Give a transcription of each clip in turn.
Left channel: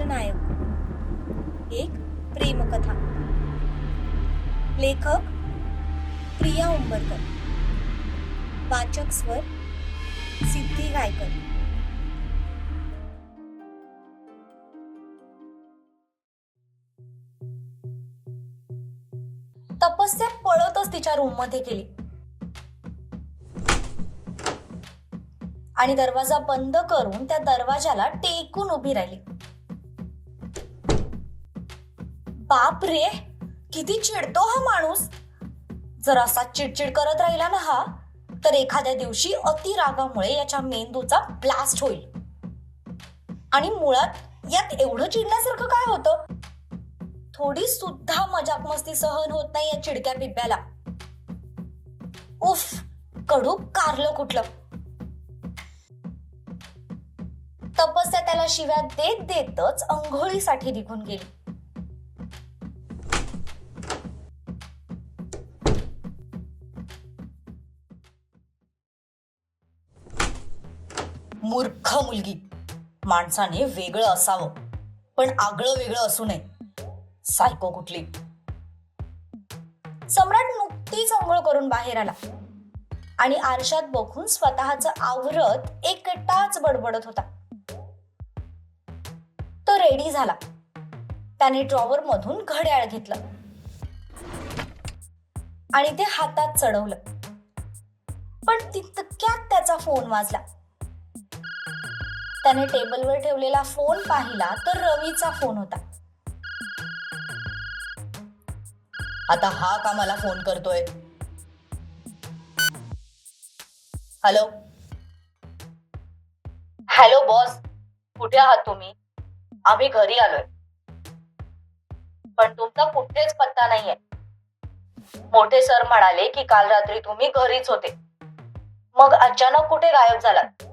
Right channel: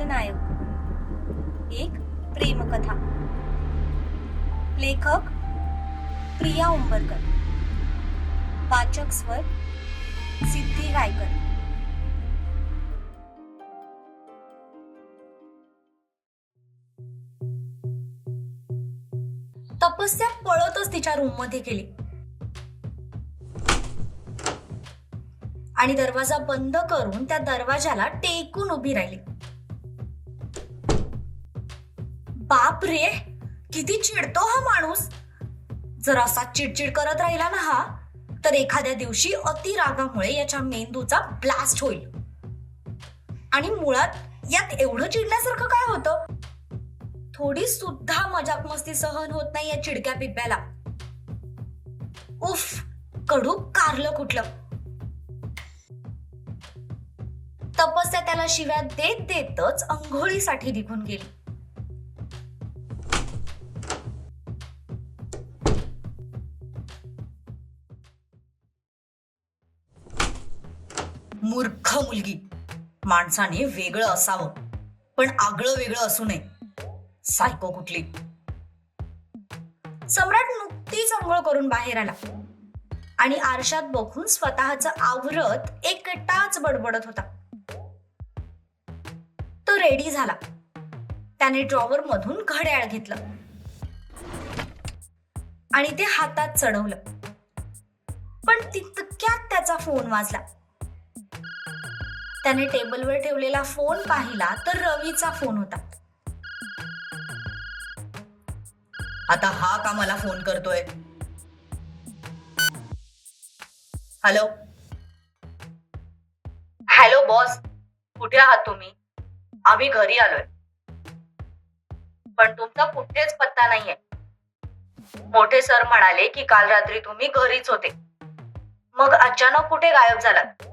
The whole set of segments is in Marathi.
खलनायक एक प्रेमकथा. लेखक प्रिया उंबरकर. वाचक स्वर सिद्धी गायकर. तपस्या पळतच तिच्या रूममध्ये गेली. आणि दरवाजा बंद करून त्या दरवाजाला टेकून उभी राहिली. बाप रे किती चिडतो हा माणूस. जर असा चिडचिड करत राहिला ना हा तर एखाद्या दिवशी अतिरागामुळे याच्या मेंदूचा ब्लास्ट होईल. आणि मुळात यात एवढं चिडण्यासारखं काय होतं? थोडी सुद्धा मजाक मस्ती सहन होत नाही या चिडक्या पिब्याला उफ कडू कारलं कुठलं. तपस्या त्याला शिव्या देत देतच अंघोळीसाठी निघून गेली. मूर्ख मुलगी. माणसाने वेगळं असावं पण आगळं वेगळं असू नये. सायको कुठली? सम्राट नुकतीच अंघोळ करून बाहेर आला. आणि आरशात बघून स्वतःच आवरत एकटाच बडबडत होता. तो रेडी झाला. त्याने ड्रॉवर मधून घड्याळ घेतलं. आणि ते हातात चढवलं. पण तितक्यात त्याचा फोन वाजला. त्याने टेबलवर ठेवलेला फोन पाहिला तर रवीचा फोन होता. आता हा का मला फोन करतोय? हॅलो? Hello boss. कुठे आहात तुम्ही? आम्ही घरी आलोय. पण तुमचा कुठेच पत्ता नाहीये. मोठे सर म्हणाले की काल रात्री तुम्ही घरीच होते. मग अचानक कुठे गायब झालात?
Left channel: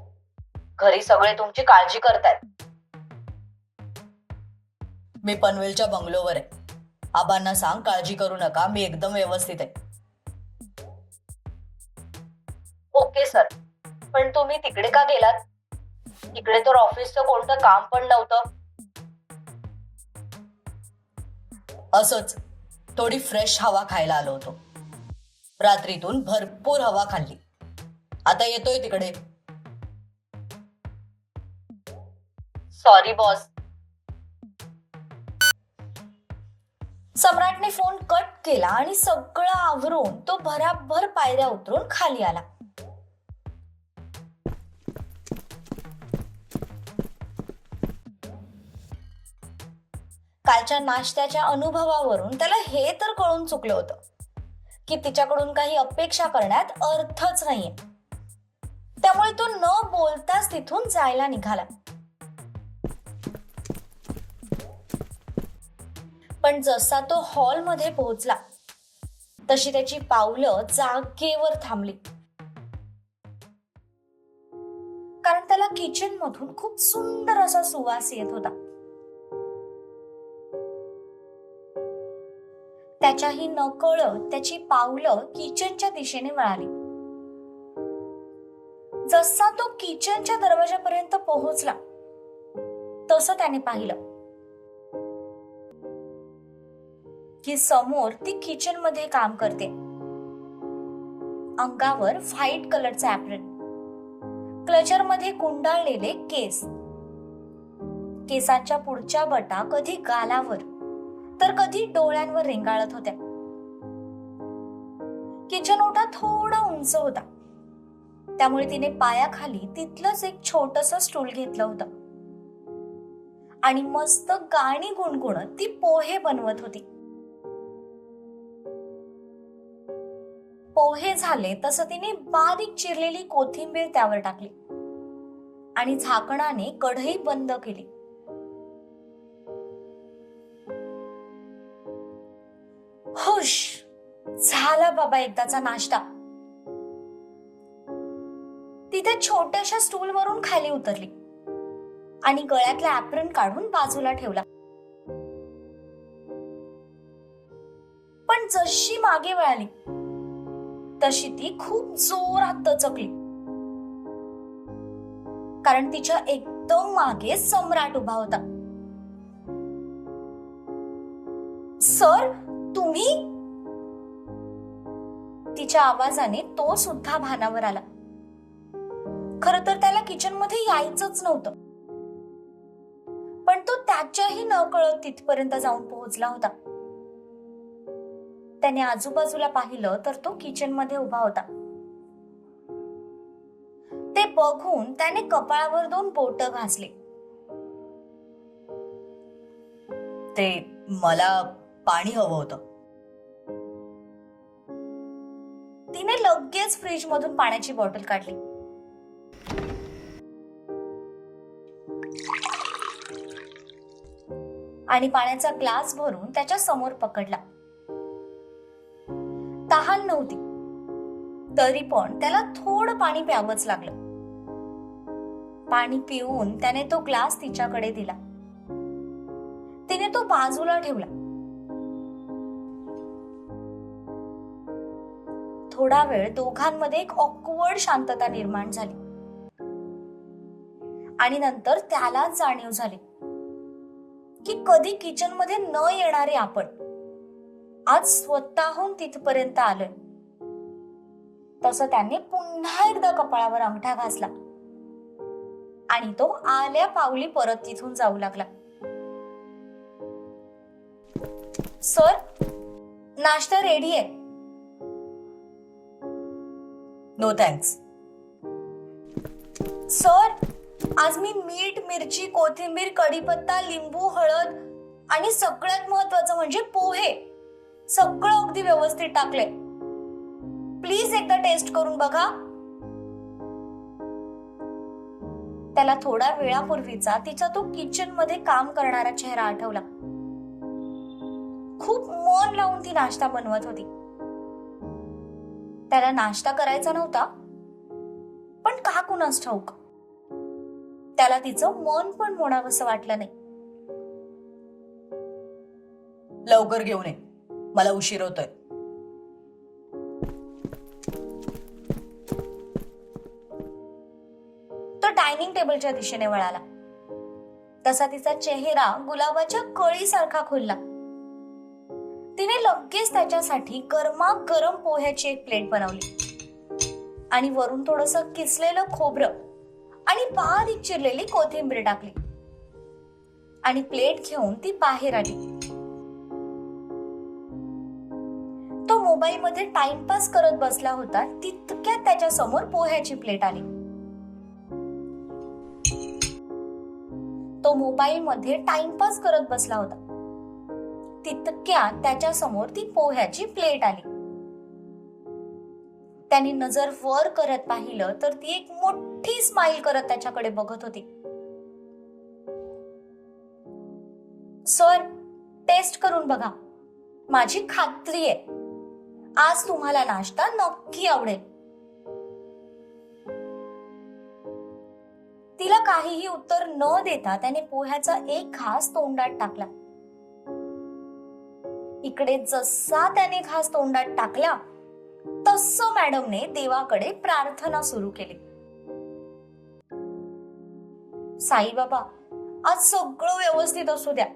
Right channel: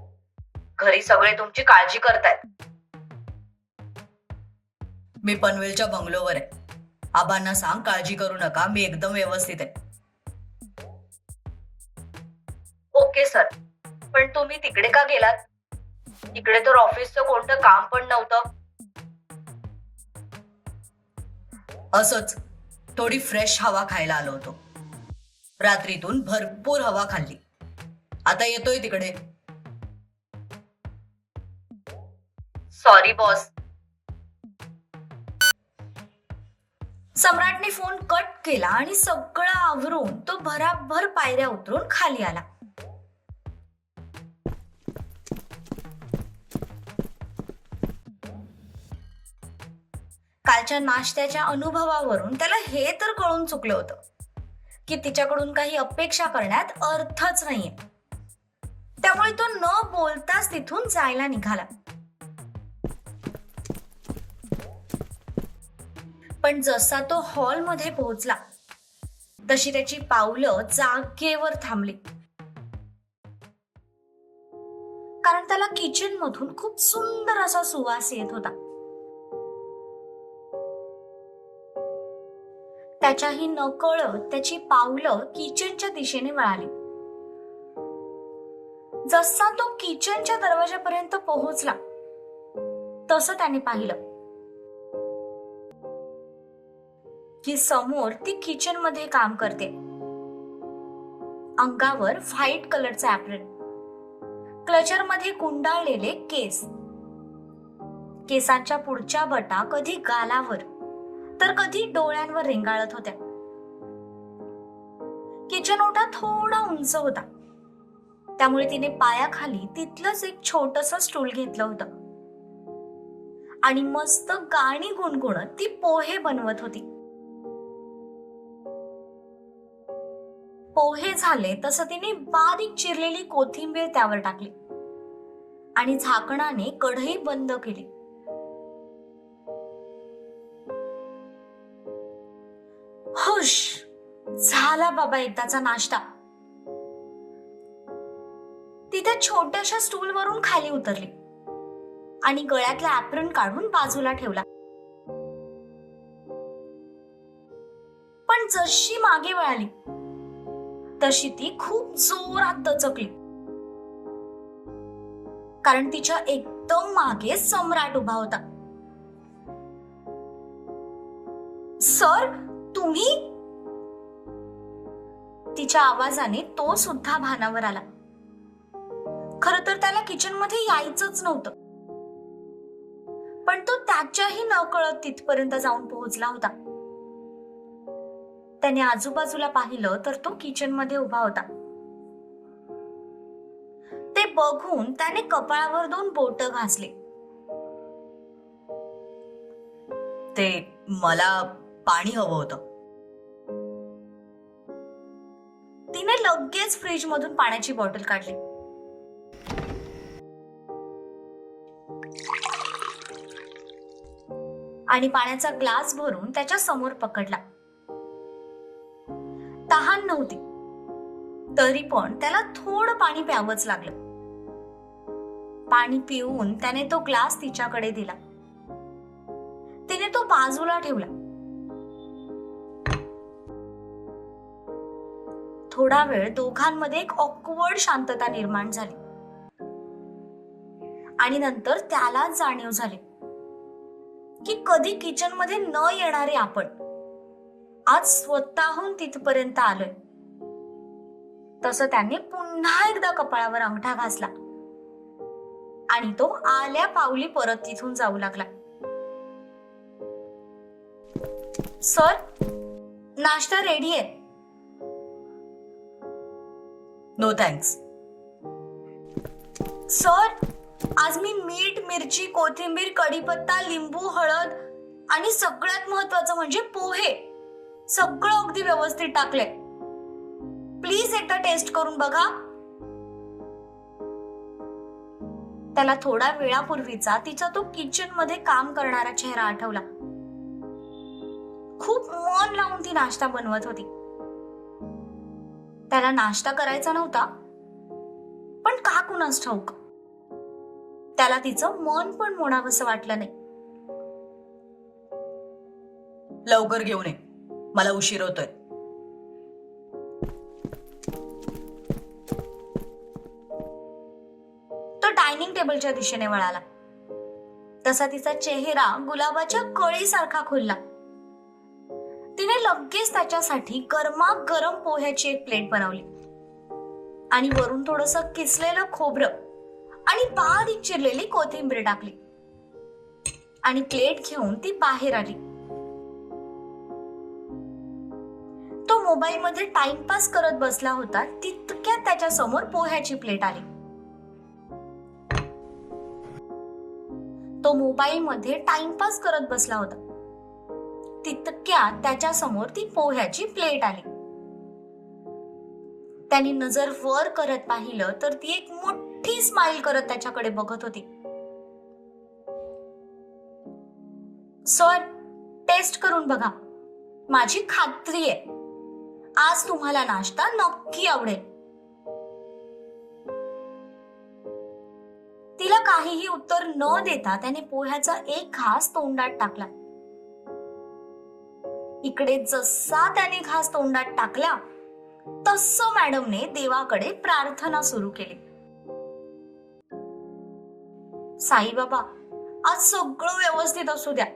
घरी सगळे तुमची काळजी करतायत. मी पनवेलच्या बंगलोवर आहे. आबांना सांग काळजी करू नका मी एकदम व्यवस्थित आहे. Okay sir. पण तुम्ही तिकडे का गेलात? इकडे तर ऑफिसचं कोणतं काम पण नव्हतं. असंच थोडी फ्रेश हवा खायला आलो होतो. रात्रीतून भरपूर हवा खाल्ली. आता येतोय तिकडे. सॉरी बॉस सम्राटने फोन कट केला आणि सगळं आवरून तो भराभर पायऱ्या उतरून खाली आला. कालच्या नाश्त्याच्या अनुभवावरून त्याला हे तर कळून चुकलं होतं की तिच्याकडून काही अपेक्षा करण्यात अर्थच नाहीये. त्यामुळे तो न बोलताच तिथून जायला निघाला. पण जसा तो हॉलमध्ये पोहोचला तशी त्याची पावलं जागेवर थांबली. कारण त्याला किचन मधून खूप सुंदर असा सुवास येत होता. त्याच्याही नकळत त्याची पावलं किचनच्या दिशेने वळाली. जसा तो किचनच्या दरवाजापर्यंत पोहोचला तसं त्याने पाहिलं. की समोर ती किचनमध्ये काम करते. अंगावर व्हाईट कलरचा ऍप्रन क्लचरमध्ये कुंडाळलेले केस. केसांच्या पुढच्या बटा कधी गालावर तर कधी डोळ्यांवर रेंगाळत होत्या. किचन ओटा थोडा उंच होता. त्यामुळे तिने पायाखाली तिथलंच एक छोटस स्टूल घेतलं होतं. आणि मस्त गाणी गुणगुणत ती पोहे बनवत होती. पोहे झाले तसं तिने बारीक चिरलेली कोथिंबीर त्यावर टाकली आणि झाकणाने कढई बंद केली. हुश! झाला बाबा एकदाचा नाश्ता. ती त्या छोट्याशा स्टूलवरून खाली उतरली आणि गळ्यातला ऍप्रन काढून बाजूला ठेवला. पण जशी मागे वळाली तशी ती खूप जोरात दचकली. कारण तिच्या एकदम मागे सम्राट उभा होता. सर तुम्ही? तिच्या आवाजाने तो सुद्धा भानावर आला. खर तर त्याला किचनमध्ये यायचंच नव्हतं. पण तो त्याच्याही नकळत तिथपर्यंत जाऊन पोहोचला होता. त्याने आजूबाजूला पाहिलं तर तो किचनमध्ये उभा होता. ते बघून त्याने कपाळावर दोन बोट घासले. ते मला पाणी हवं होतं. तिने लगेच फ्रीज मधून पाण्याची बॉटल काढली. आणि पाण्याचा ग्लास भरून त्याच्यासमोर पकडला. नव्हती. तरी पण त्याला थोडं पाणी प्यावंच लागलं. पाणी पिऊन त्याने तो ग्लास तिच्याकडे दिला. तिने तो बाजूला ठेवला. थोडा वेळ दोघांमध्ये एक ऑकवर्ड शांतता निर्माण झाली. आणि नंतर त्याला जाणीव झाली की कधी किचनमध्ये न येणारे आपण आज स्वतःहून तिथपर्यंत आलोय. तसं त्याने पुन्हा एकदा कपाळावर अंगठा घासला. आणि तो आल्या पावली परत तिथून जाऊ लागला. सर नाश्ता रेडी आहे. नो थँक्स सर आज मी मीठ मिरची कोथिंबीर कढीपत्ता लिंबू हळद आणि सगळ्यात महत्वाचं म्हणजे पोहे सगळं अगदी व्यवस्थित टाकले प्लीज एकदा टेस्ट करून बघा. त्याला थोडा वेळापूर्वीचा तिचा तो किचनमध्ये काम करणारा चेहरा आठवला. खूप मन लावून ती नाश्ता बनवत होती. त्याला नाश्ता करायचा नव्हता पण का कुणास ठाऊक. त्याला तिचं मन पण मोडावंसं वाटलं नाही. लवकर घेऊन ये. मला उशीर होतोय. तो डायनिंग टेबलच्या दिशेने वळाला. तसा तिचा चेहरा गुलाबाच्या कळीसारखा खुलला. तिने लगेच त्याच्यासाठी गरमागरम पोह्याची एक प्लेट बनवली. आणि वरून थोडस किसलेलं खोबरं आणि बारीक चिरलेली कोथिंबीर टाकली. आणि प्लेट घेऊन ती बाहेर आली. मोबाईलमध्ये मोबाईल मध्ये टाइमपास करत बसला होता तितक्यात त्याच्यासमोर पोह्याची प्लेट आली. तो मोबाईल मध्ये टाइमपास करत बसला होता. तितक्यात त्याच्यासमोर ती पोह्याची प्लेट आली. त्याने नजर वर करत पाहिलं तर ती एक मोठी स्माइल करत त्याच्याकडे बघत होती. सर टेस्ट करून बघा. माझी खात्री आहे. आज तुम्हाला नाश्ता नक्की आवडेल. तिला काहीही उत्तर न देता त्याने पोह्याचा एक घास तोंडात टाकला. इकडे जसा त्याने घास तोंडात टाकला तस मॅडमने देवाकडे प्रार्थना सुरू केली. साईबाबा आज सगळं व्यवस्थित असू द्या.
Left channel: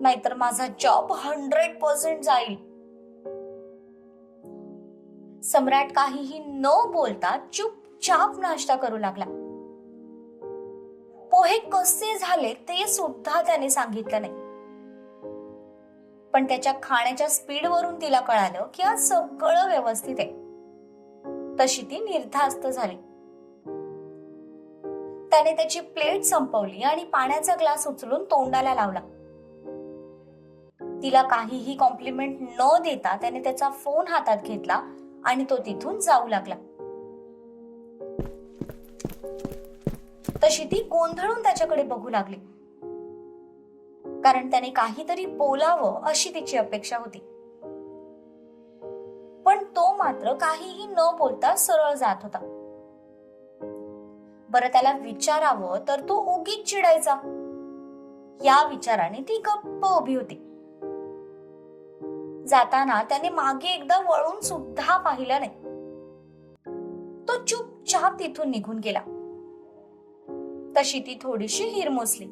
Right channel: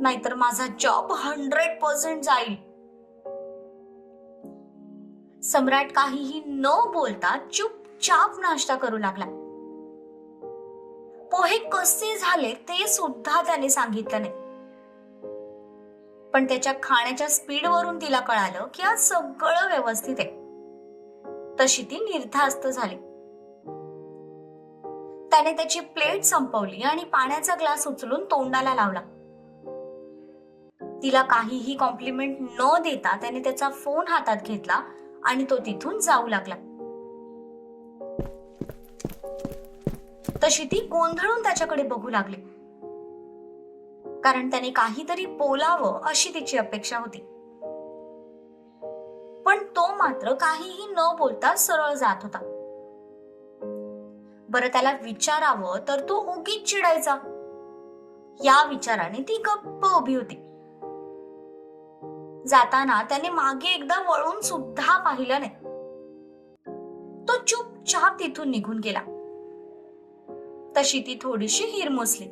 नाहीतर माझा जॉब हंड्रेड पर्सेंट जाईल. सम्राट काहीही न बोलता चुपचाप नाश्ता करू लागला. पोहे कसे झाले ते सुद्धा त्याने सांगितलं नाही. पण त्याच्या खाण्याच्या स्पीड वरून तिला कळालं की आज सगळं व्यवस्थित आहे. तशी ती निर्धास्त झाली. त्याने त्याची प्लेट संपवली आणि पाण्याचा ग्लास उचलून तोंडाला लावला. तिला काहीही कॉम्प्लिमेंट न देता त्याने त्याचा फोन हातात घेतला आणि तो तिथून जाऊ लागला. तशी ती गोंधळून त्याच्याकडे बघू लागली. कारण त्याने काहीतरी बोलावं अशी तिची अपेक्षा होती. पण तो मात्र काहीही न बोलता सरळ जात होता. बरं त्याला विचारावं तर तो उगीच चिडायचा. या विचाराने ती गप्प उभी होती. जाताना त्याने मागे एकदा वळून सुद्धा पाहिलं नाही. तो चुपचाप तिथून निघून गेला. तशी ती थोडीशी हिरमुसली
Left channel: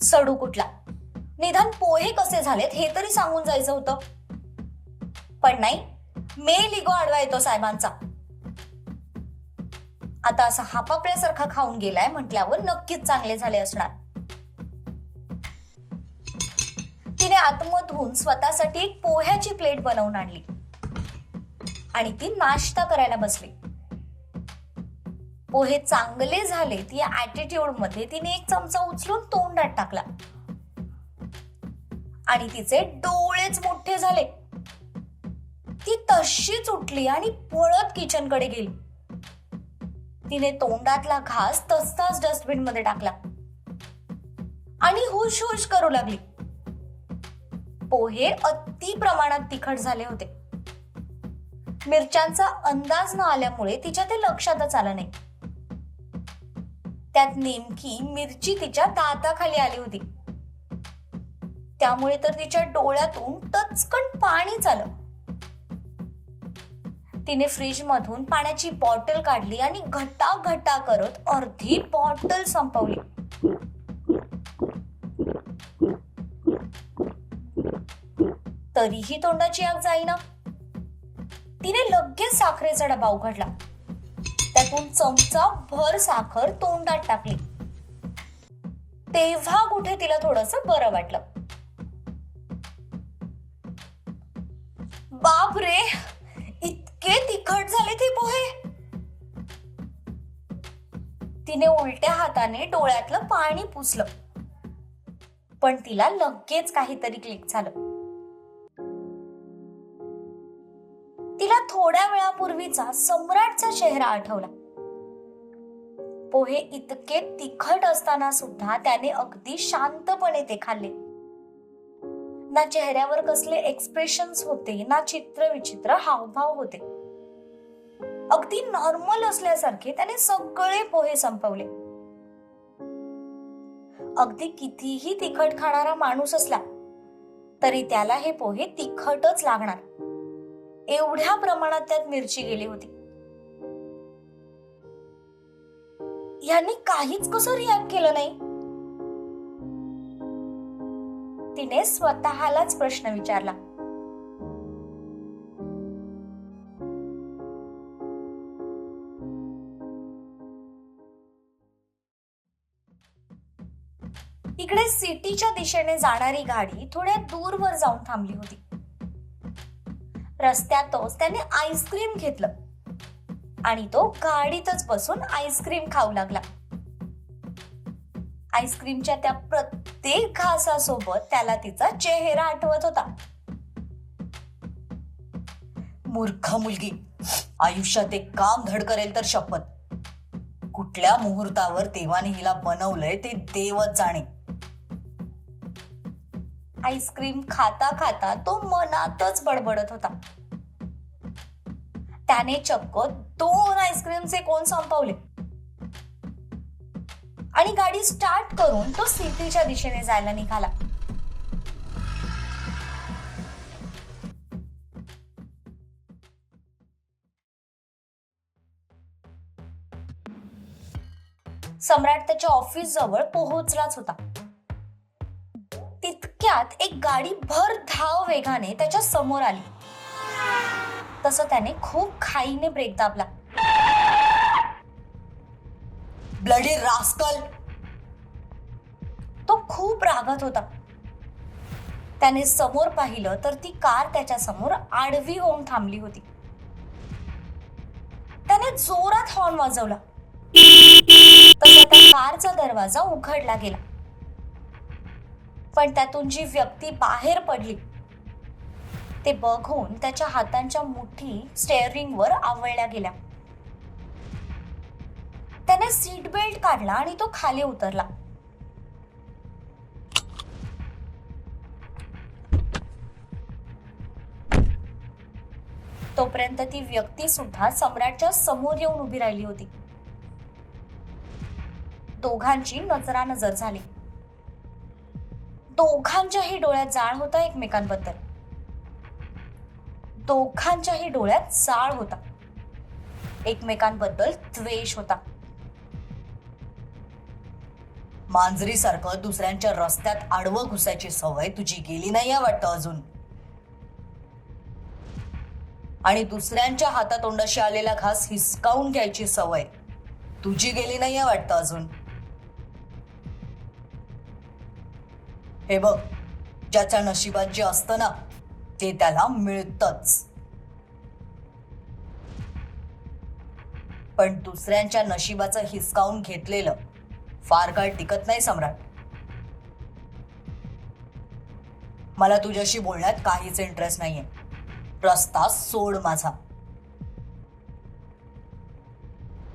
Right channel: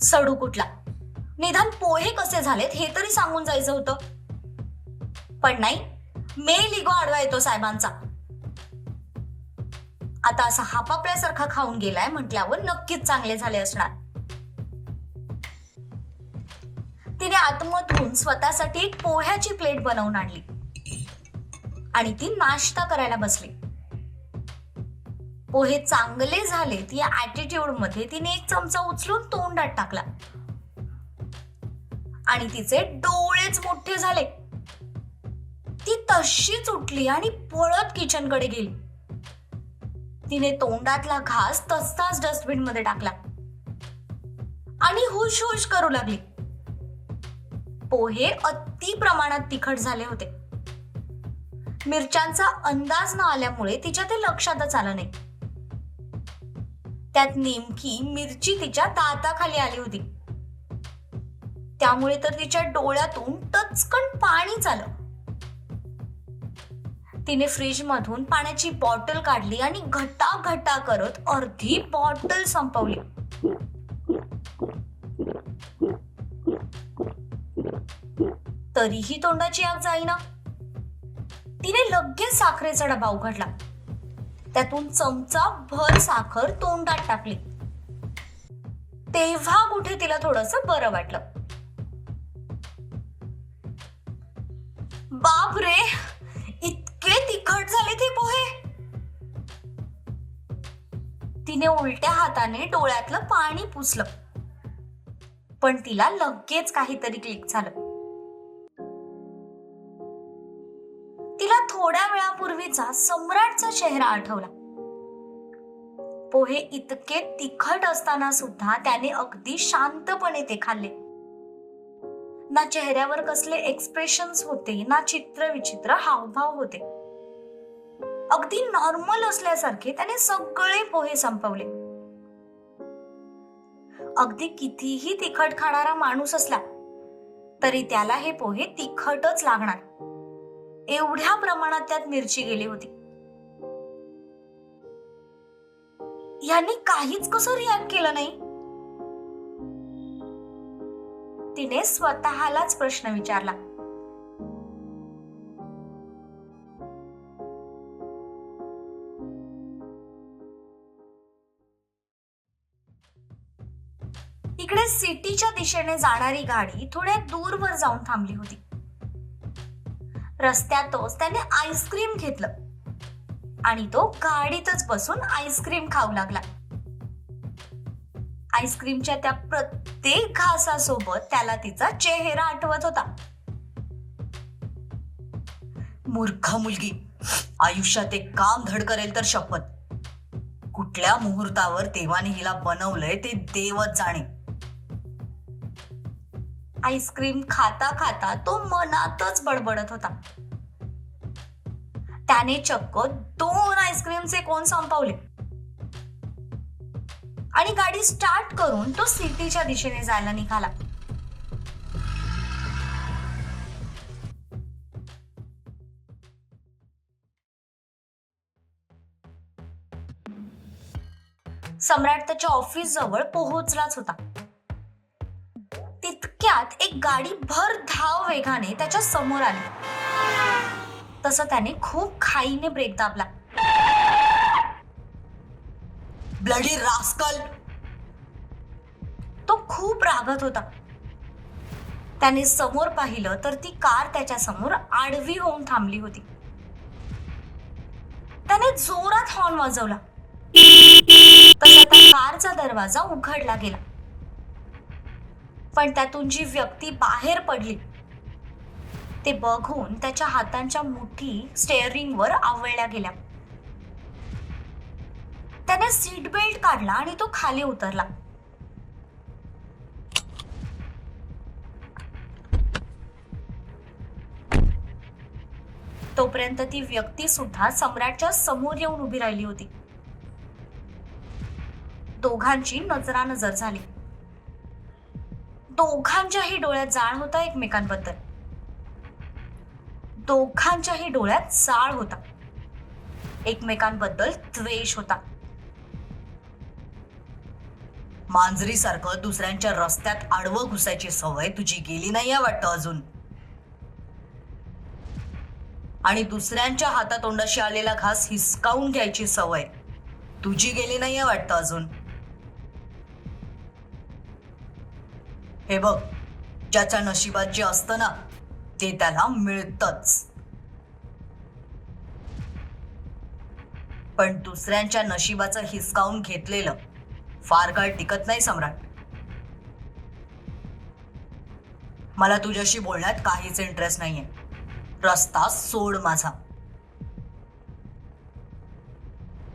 सडू कुठला? निधन पोहे कसे झालेत हे तरी सांगून जायचं होतं. पण नाही मेल इगो आडवा येतो साहेबांचा. आता असा हापापल्यासारखा खाऊन गेलाय म्हटल्यावर नक्कीच चांगले झाले असणार. तिने आतमधून स्वतःसाठी एक पोह्याची प्लेट बनवून आणली. आणि ती नाश्ता करायला बसली. पोहे चांगले झाले ती ऍटिट्यूडमध्ये तिने एक चमचा उचलून तोंडात टाकला. आणि तिचे डोळेच मोठे झाले. ती तशीच उठली आणि पळत किचनकडे गेली. तिने तोंडातला घास तसाच डस्टबिनमध्ये टाकला. आणि हुश हुश करू लागली. पोहे अति प्रमाणात तिखट झाले होते. मिरच्यांचा अंदाज न आल्यामुळे तिच्या ते लक्षातच आलं नाही. त्यात नेमकी मिरची तिच्या दाताखाली आली होती. त्यामुळे तर तिच्या डोळ्यातून टचकन पाणी आलं. तिने फ्रीजमधून पाण्याची बॉटल काढली आणि घटा घटा करत अर्धी बॉटल संपवली. तरीही तोंडाची आग जाईना. तिने लगेच साखरेचा डबा उघडला. त्यातून चमचा भर साखर तोंडात टाकली. तेव्हा कुठे तिला थोडस बरं वाटलं. बाप रे इतके तिखट झाले ते पोहे. तिने उलट्या हाताने डोळ्यातलं पाणी पुसलं. पण तिला लगेच काहीतरी क्लिक झालं. तिला थोड्या वेळापूर्वीचा सम्राटचा चेहरा आठवला. पोहे इतके तिखट असताना सुद्धा त्याने अगदी शांतपणे ते खाल्ले. ना चेहऱ्यावर कसले एक्सप्रेशन्स होते ना चित्र विचित्र हावभाव होते. अगदी नॉर्मल असल्यासारखे त्याने सगळे पोहे संपवले. अगदी कितीही तिखट खाणारा माणूस असला तरी त्याला हे पोहे तिखटच लागणार. एवढ्या प्रमाणात त्यात मिरची गेली होती. यांनी काहीच कसं रिॲक्ट केलं नाही? तिने स्वतःलाच प्रश्न विचारला. इकडे सिटीच्या दिशेने जाणारी गाडी थोड्या दूरवर जाऊन थांबली होती. रस्त्यातच त्याने आईस्क्रीम घेतलं. आणि तो गाडीतच बसून आईस्क्रीम खाऊ लागला. आईस्क्रीमच्या त्या प्रत्येक घासासोबत त्याला तिचा चेहरा आठवत होता. मूर्ख मुलगी आयुष्यात एक काम धड करेल तर शपथ. कुठल्या मुहूर्तावर देवाने हिला बनवलंय ते देवच जाणे. आईस्क्रीम खाता खाता तो मनातच बडबडत होता. त्याने चक्क दोन आईस्क्रीमचे कोण संपवले? आणि गाडी स्टार्ट करून तो सिटीच्या दिशेने जायला निघाला. सम्राट त्याच्या ऑफिस जवळ पोहोचलाच होता. इतक्यात एक गाडी भर धाव वेगाने त्याच्यासमोर आली. तसं त्याने खूप खाईने ब्रेक दाबला. ब्लडी रास्कल तो खूप रागत होता. त्याने समोर पाहिलं तर ती कार त्याच्यासमोर आडवी होऊन थांबली होती. त्याने जोरात हॉर्न वाजवला. तसा त्या कारचा दरवाजा उघडला गेला. पण त्यातून जी व्यक्ती बाहेर पडली ते बघून त्याच्या हातांच्या मुठी स्टेअरिंगवर आवळल्या गेल्या. त्याने सीट बेल्ट काढला आणि तो खाली उतरला. तोपर्यंत ती व्यक्ती सुद्धा सम्राटच्या समोर येऊन उभी राहिली होती. दोघांची नजरानजर झाली. दोघांच्याही डोळ्यात जाळ होता एकमेकांबद्दल. दोघांच्याही डोळ्यात जाळ होता. एकमेकांबद्दल द्वेष होता. मांजरीसारखं दुसऱ्यांच्या रस्त्यात आडवं घुसायची सवय तुझी गेली नाही वाटतं अजून. आणि दुसऱ्यांच्या हातातोंडाशी आलेला घास हिसकावून घ्यायची सवय तुझी गेली नाही वाटतं अजून. हे बघ ज्याच्या नशिबात जे असतं ना ते त्याला मिळतच. पण दुसऱ्यांच्या नशिबाचं हिसकावून घेतलेलं फार काळ टिकत नाही सम्राट. मला तुझ्याशी बोलण्यात काहीच इंटरेस्ट नाहीये. रस्ता सोड माझा.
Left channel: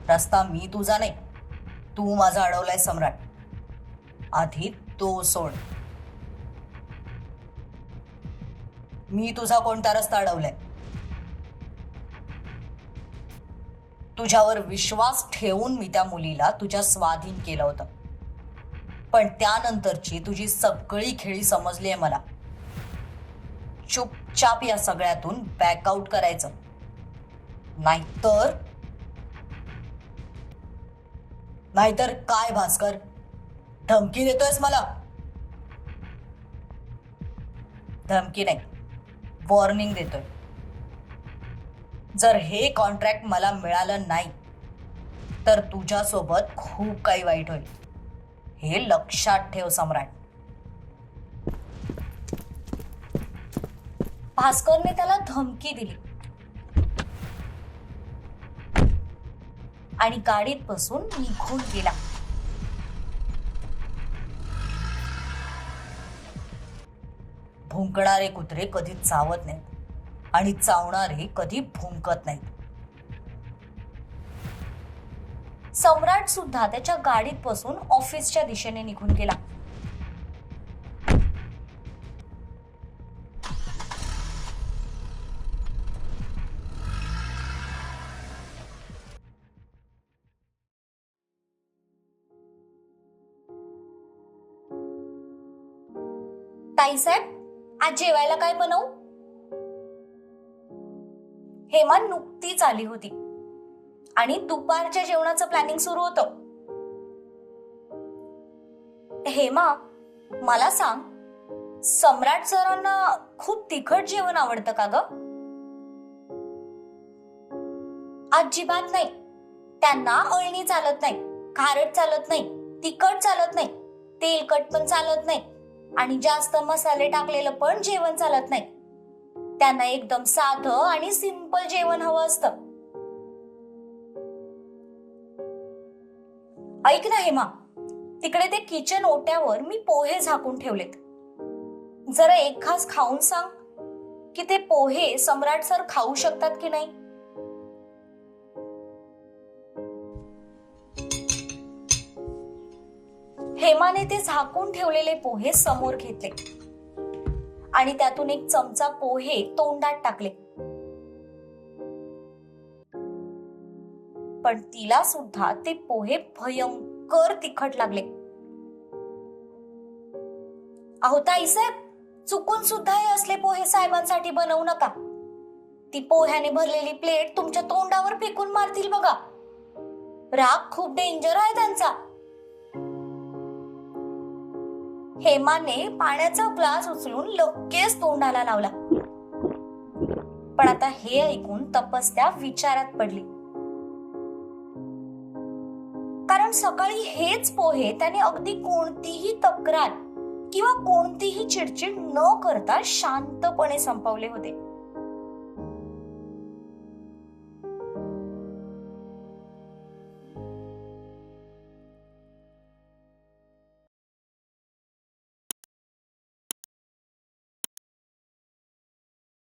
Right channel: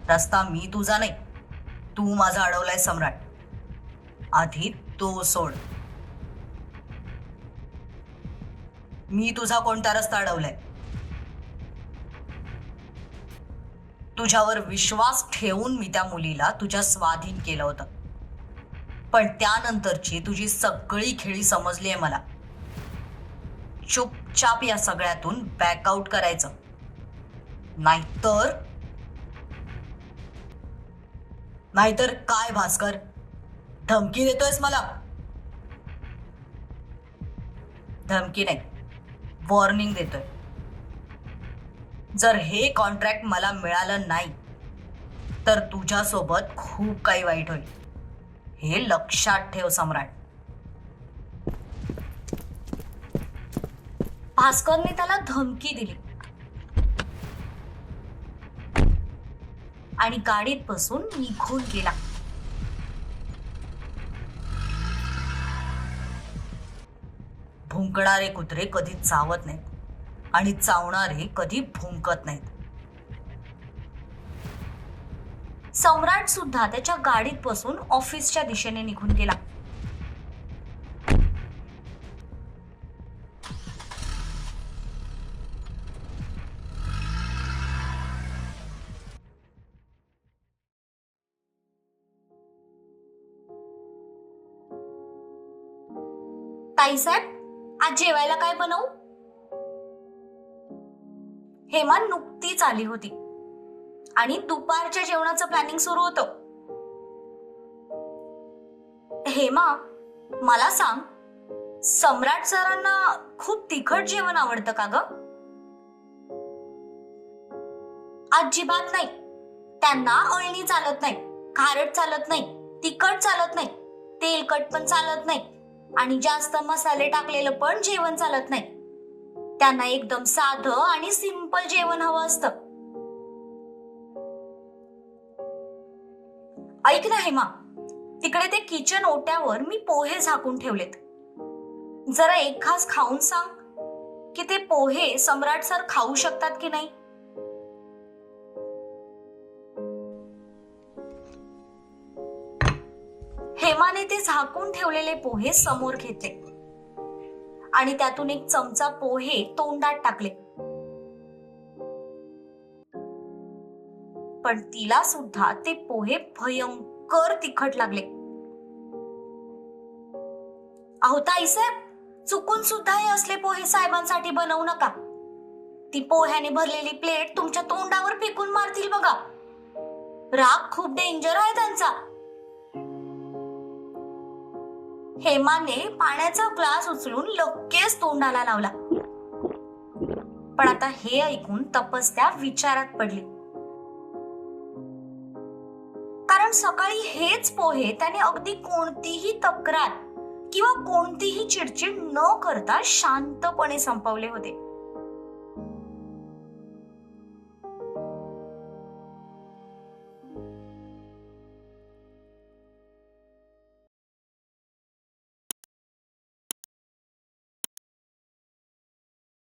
रस्ता मी तुझा नाही तू माझा अडवलाय सम्राट. आधी तो सोड. मी तुझा कोणता रस्ता अडवलाय? तुझ्यावर विश्वास ठेवून मी त्या मुलीला तुझ्या स्वाधीन केलं होतं. पण त्यानंतरची तुझी सगळी खेळी समजली आहे मला. चुपचाप या सगळ्यातून बॅकआउट करायचं. नाहीतर नाहीतर काय भास्कर? धमकी देतोयस मला. धमकी नाही. वॉर्निंग देतोय. जर हे कॉन्ट्रॅक्ट मला मिळालं नाही तर तुझ्यासोबत खूप काही वाईट होईल. हे लक्षात ठेव सम्राट. भास्करने त्याला धमकी दिली. आणि गाडीत बसून निघून गेला. भुंकणारे कुत्रे कधी चावत नाहीत आणि चावणारे कधी भुंकत नाहीत. सम्राट सुद्धा त्याच्या गाडीत बसून ऑफिसच्या दिशेने निघून गेला. ताईसाहेब आज जेवायला काय बनवू? हेमा नुकतीच आली होती. आणि दुपारच्या जेवणाचं प्लॅनिंग सुरू होतं. हेमा मला सांग सम्राट सरांना खूप तिखट जेवण आवडतं का ग? अजिबात नाही. त्यांना अळणी चालत नाही खारट चालत नाही तिखट चालत नाही तेलकट पण चालत नाही. आणि जास्त मसाले टाकलेलं पण जेवण चालत नाही. त्यांना एकदम साधं आणि सिंपल जेवण हवं असतं. ऐक ना हेमा तिकडे ते किचन ओट्यावर मी पोहे झाकून ठेवलेत. जरा एक खास खाऊन सांग की ते पोहे सम्राट सर खाऊ शकतात की नाही? हेमाने ते झाकून ठेवलेले पोहे समोर घेतले. आणि त्यातून एक चमचा पोहे तोंडात टाकले. पण तिला सुद्धा ते पोहे भयंकर तिखट लागले. अहो ताईसाहेब चुकून सुद्धा हे असले पोहे साहेबांसाठी बनवू नका. ती पोह्याने भरलेली प्लेट तुमच्या तोंडावर फेकून मारतील बघा. राग खूप डेंजर आहे त्यांचा. हेमाने पाण्याचा ग्लास उचलून लगेच तोंडाला लावला. पण आता हे ऐकून तपस्या विचारात पडली. कारण सकाळी हेच पोहे त्याने अगदी कोणतीही तक्रार किंवा कोणतीही चिडचिड न करता शांतपणे संपवले होते.